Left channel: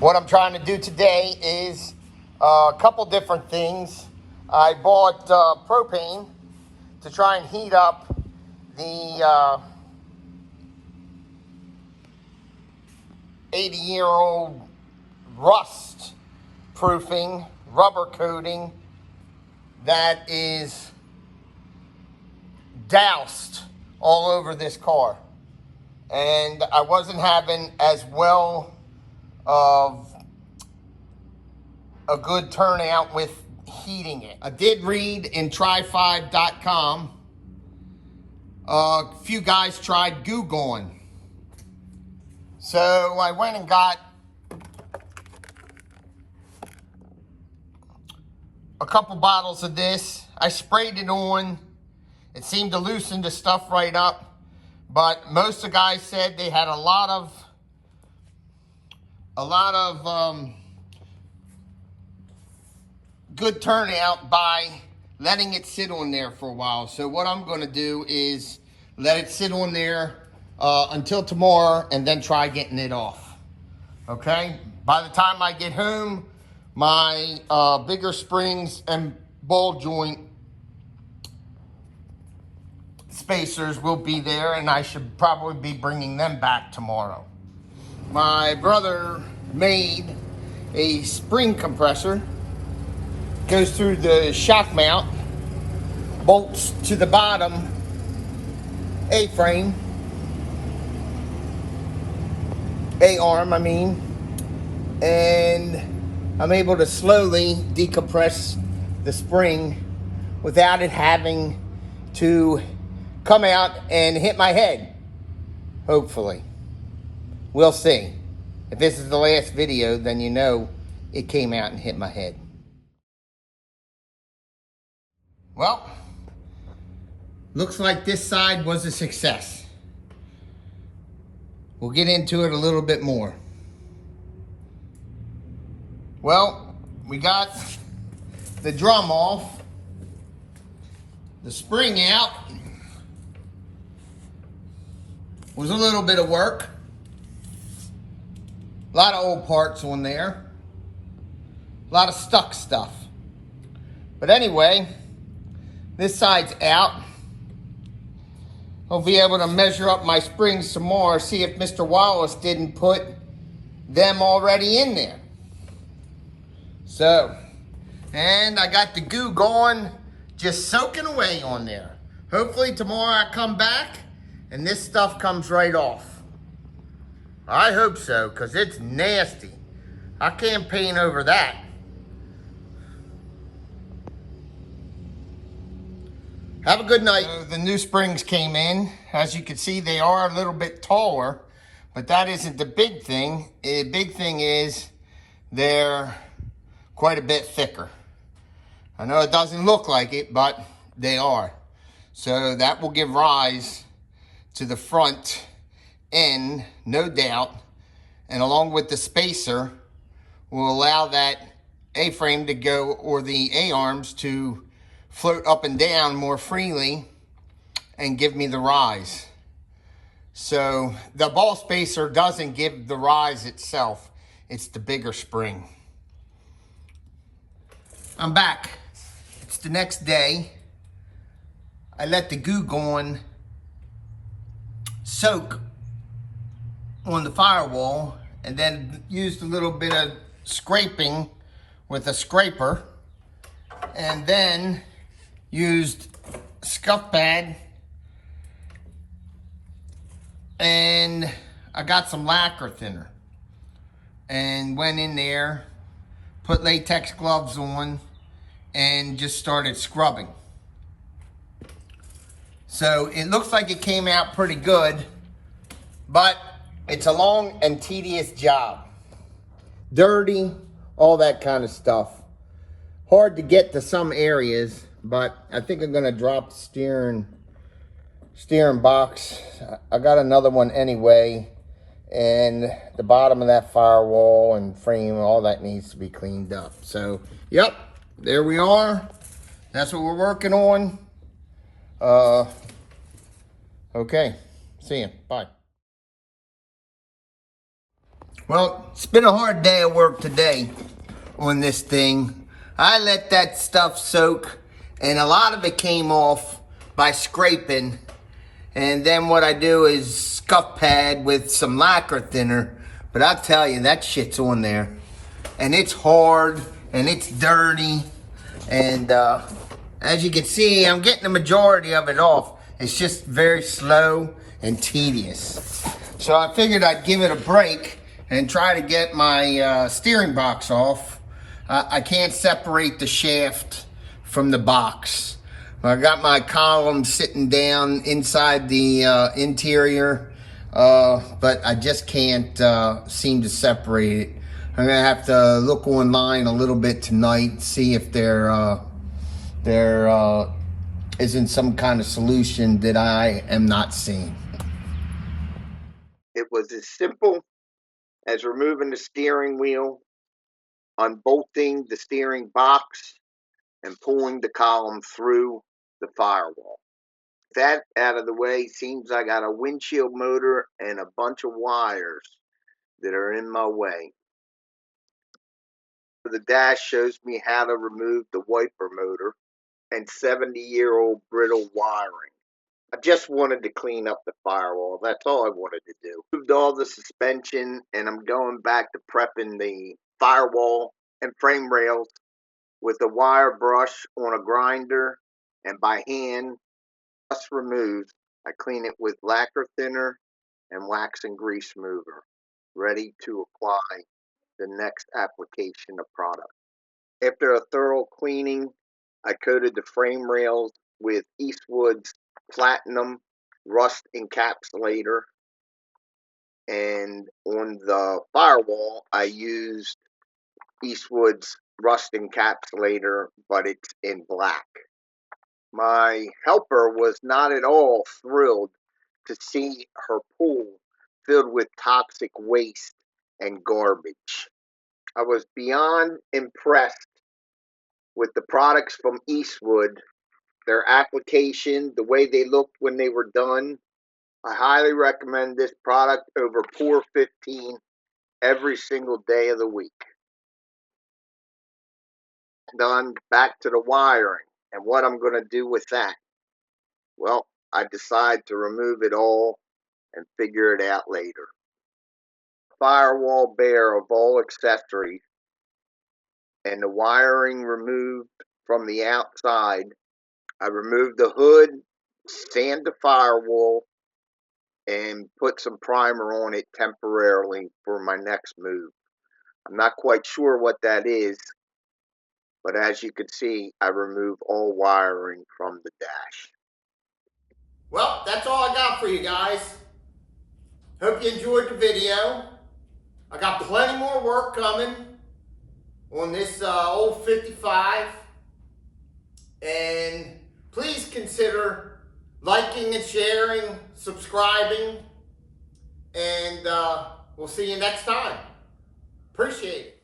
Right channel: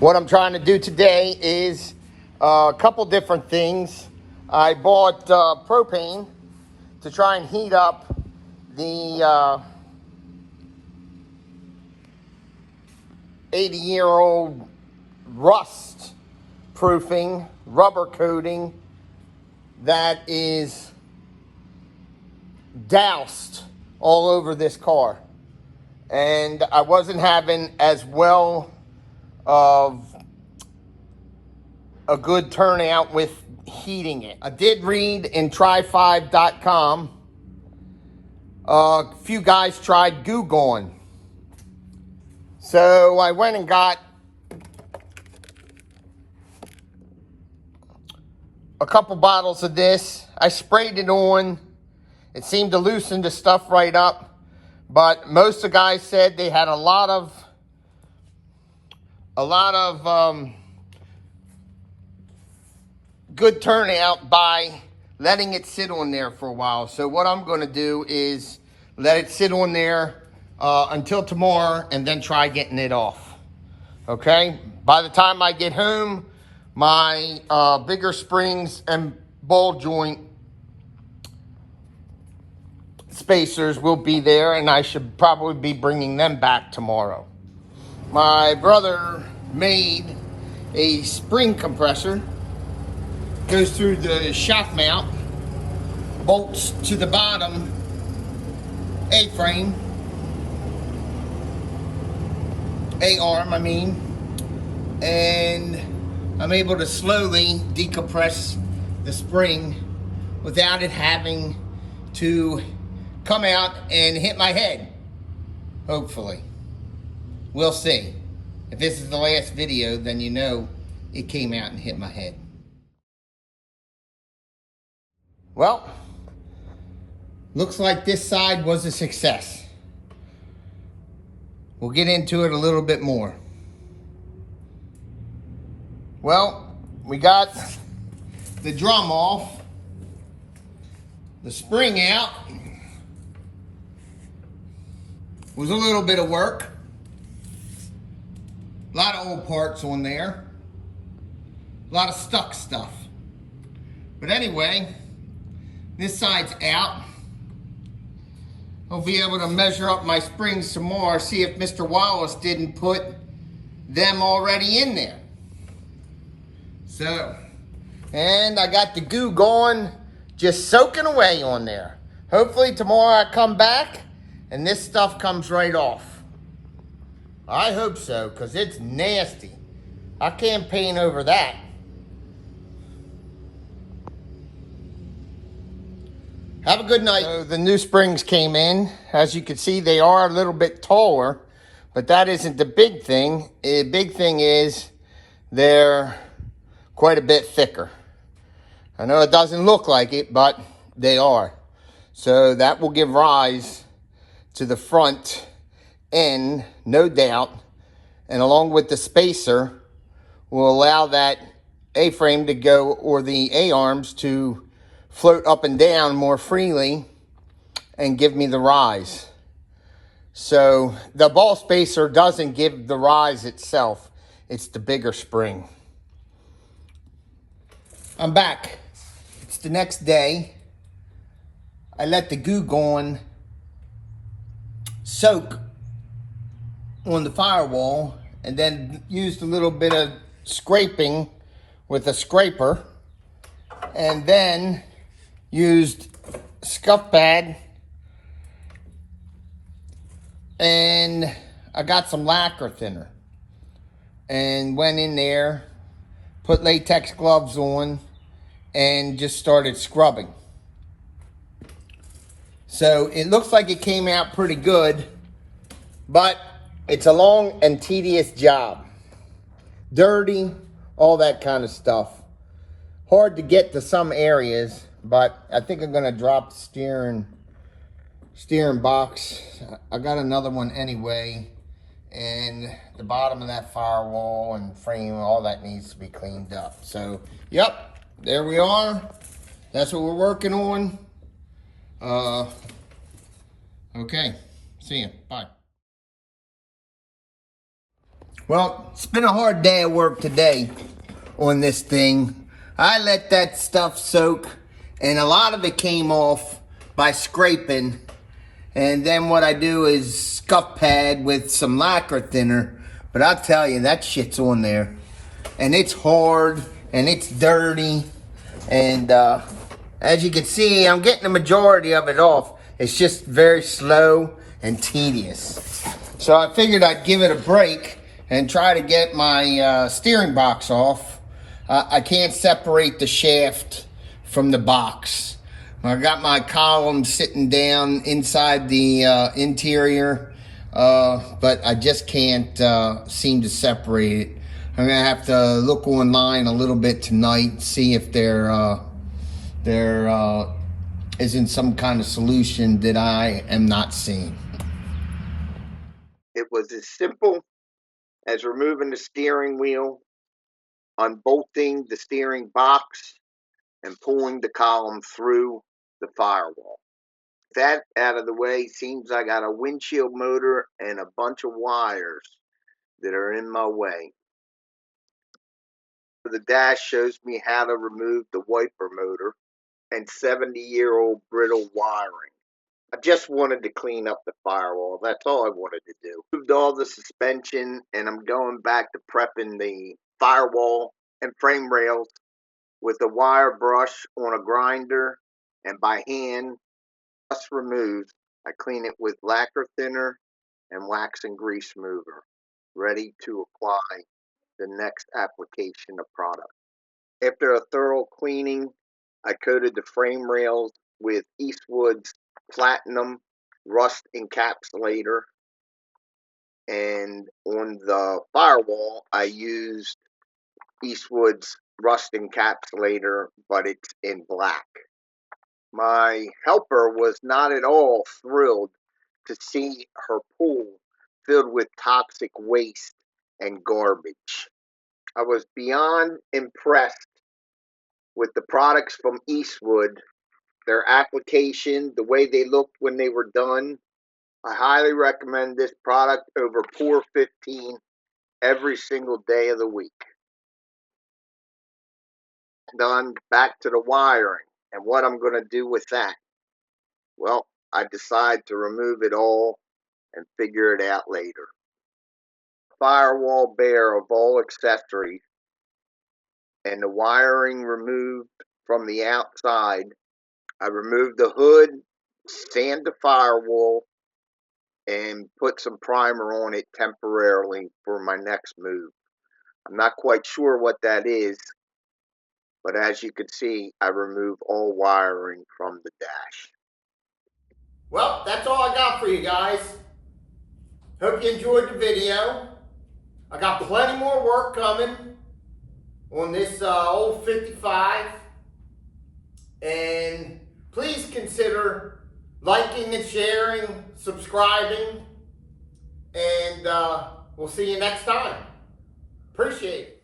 What I'm trying to do today is a couple different things. I bought propane to try and heat up the 80-year-old rust proofing rubber coating that is doused all over this car, and I wasn't having as well of a good turnout with heating it. I did read in try5.com a few guys tried Goo Gone, so I went and got a couple bottles of this. I sprayed it on. It seemed to loosen the stuff right up, but most of the guys said they had a lot of good turnout by letting it sit on there for a while. So what I'm going to do is let it sit on there until tomorrow and then try getting it off. Okay? By the time I get home, my bigger springs and ball joint spacers will be there, and I should probably be bringing them back tomorrow. My brother made a spring compressor, goes through the shock mount, bolts to the bottom A-frame, A-arm I mean, and I'm able to slowly decompress the spring without it having to come out and hit my head, hopefully. We'll see. If this is the last video, then you know it came out and hit my head. Well, looks like this side was a success. We'll get into it a little bit more. Well, we got the drum off, the spring out. Was a little bit of work. A lot of old parts on there. A lot of stuck stuff. But anyway, this side's out. I'll be able to measure up my springs some more, see if Mr. Wallace didn't put them already in there. So, and I got the Goo Gone just soaking away on there. Hopefully tomorrow I come back and this stuff comes right off. I hope so, because it's nasty. I can't paint over that. Have a good night. So the new springs came in. As you can see, they are a little bit taller, but that isn't the big thing. The big thing is they're quite a bit thicker. I know it doesn't look like it, but they are. So that will give rise to the front end, no doubt, and along with the spacer will allow that A-frame to go, or the A-arms to float up and down more freely and give me the rise. So the ball spacer doesn't give the rise itself, it's the bigger spring. I'm back. It's the next day. I let the Goo Gone soak on the Firewall and then used a little bit of scraping with a scraper, and then used scuff pad, and I got some lacquer thinner and went in there, put latex gloves on, and just started scrubbing. So it looks like it came out pretty good, but it's a long and tedious job. Dirty, all that kind of stuff. Hard to get to some areas, but I think I'm gonna drop the steering box. I got another one anyway, and the bottom of that firewall and frame, all that needs to be cleaned up. So, yep, there we are. That's what we're working on. Okay, see ya, bye. Well, it's been a hard day of work today on this thing. I let that stuff soak, and a lot of it came off by scraping. And then what I do is scuff pad with some lacquer thinner. But I'll tell you, that shit's on there. And it's hard, and it's dirty. And as you can see, I'm getting the majority of it off. It's just very slow and tedious. So I figured I'd give it a break and try to get my steering box off. I can't separate the shaft from the box. I got my column sitting down inside the interior, but I just can't seem to separate it. I'm gonna have to look online a little bit tonight, see if there isn't some kind of solution that I am not seeing. It was as simple as removing the steering wheel, unbolting the steering box, and pulling the column through the firewall. That out of the way, seems I got a windshield motor and a bunch of wires that are in my way. The dash shows me how to remove the wiper motor and 70-year-old brittle wiring. I just wanted to clean up the firewall. That's all I wanted to do. Moved all the suspension, and I'm going back to prepping the firewall and frame rails with a wire brush on a grinder and by hand. Dust removed, I clean it with lacquer thinner and wax and grease mover, ready to apply the next application of product. After a thorough cleaning, I coated the frame rails with Eastwood's Platinum Rust Encapsulator, and on the firewall, I used Eastwood's Rust Encapsulator, but it's in black. My helper was not at all thrilled to see her pool filled with toxic waste and garbage. I was beyond impressed with the products from Eastwood, their application, the way they looked when they were done. I highly recommend this product over Pour 15 every single day of the week. Done, back to the wiring and what I'm going to do with that. Well, I decide to remove it all and figure it out later. Firewall bare of all accessories and the wiring removed from the outside. I removed the hood, sand the firewall, and put some primer on it temporarily for my next move. I'm not quite sure what that is, but as you can see, I removed all wiring from the dash. Well, that's all I got for you guys. Hope you enjoyed the video. I got plenty more work coming on this old 55. And please consider liking and sharing, subscribing, and we'll see you next time. Appreciate it.